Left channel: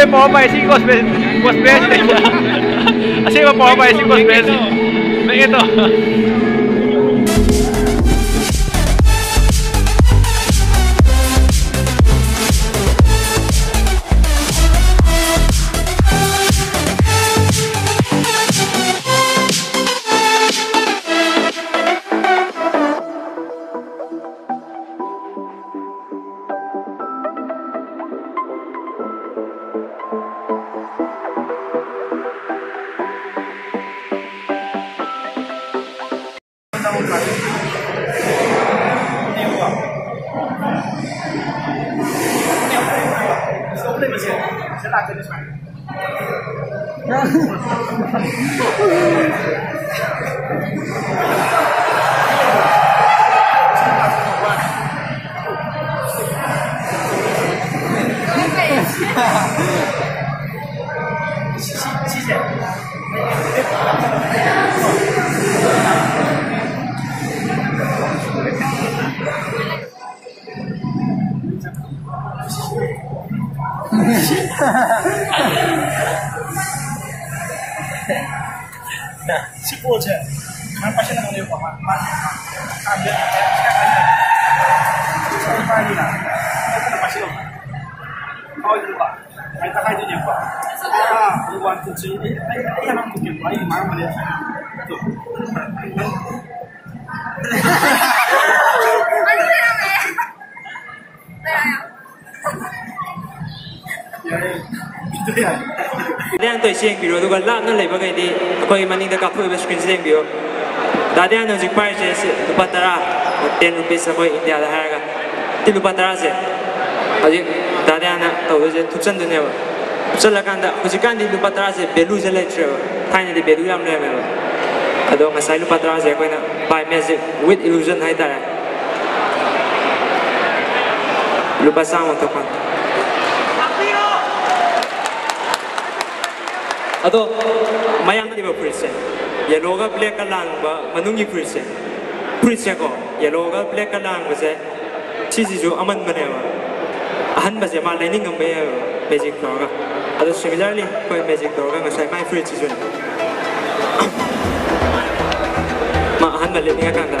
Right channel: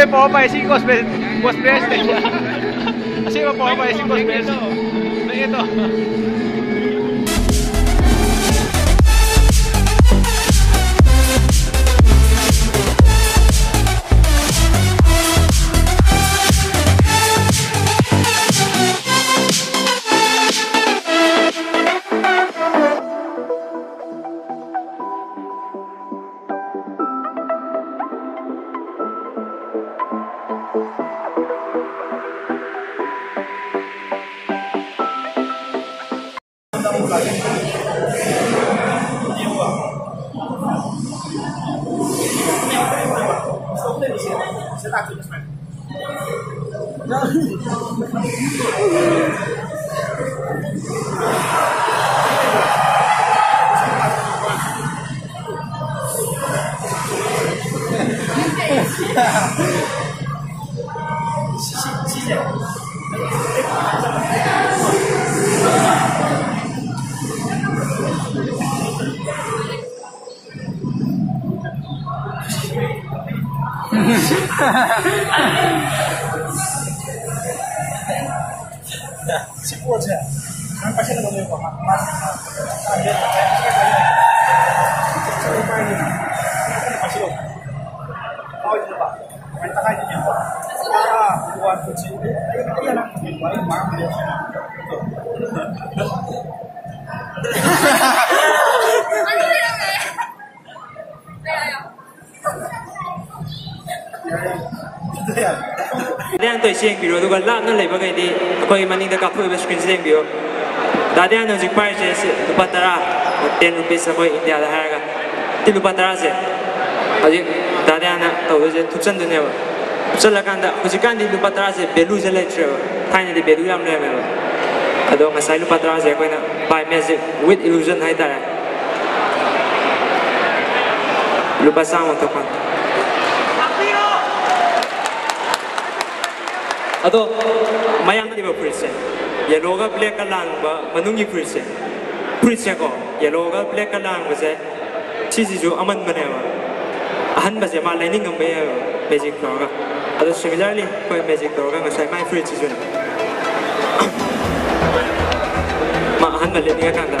may pumapay si Boss Bessie. Kasi may pumapay si Boss Bessie. May ito. Si Poja, kan pasien ada yang bawa ambil ya, sekarang banyak. Sekali pagi nak, apa nak pasien lo? Kau itu pak, main tak aja yang pak. Luar tu sih, ayah nak mungkin baik, mana boleh sana. Tu. Ano na kami? Kaya. Itu ya. 大家對先比如如果拉那嚟不嘅啲，佢問你哋夾配嘅 screen 先比如，大家呢就擺些是lupa tara， 10 rupees 佢 India 嘅係個，啲 lupa tara 先，或者大家呢到嗰隻出真嘅呢，出嚟間的，好似間啲 lupa tara 先別路先嚟住，睇你哋別路啱咧咪咯，嗰度我使 lupa tara 先佢呢 buy music with illusion 喺度，lupa sound untuk kan。 Ato, mayang di ba prince? Yellow ka black ka lang ba manungi prince? Prince ko, yellow ka black ka lang ba se? Sisi jo aman ba ba? Ahan ba se malay ning ang magic door ka? Ato similarly, ko magic door ka ngasay may prince jo. Ma ahan ba lining ka kanda?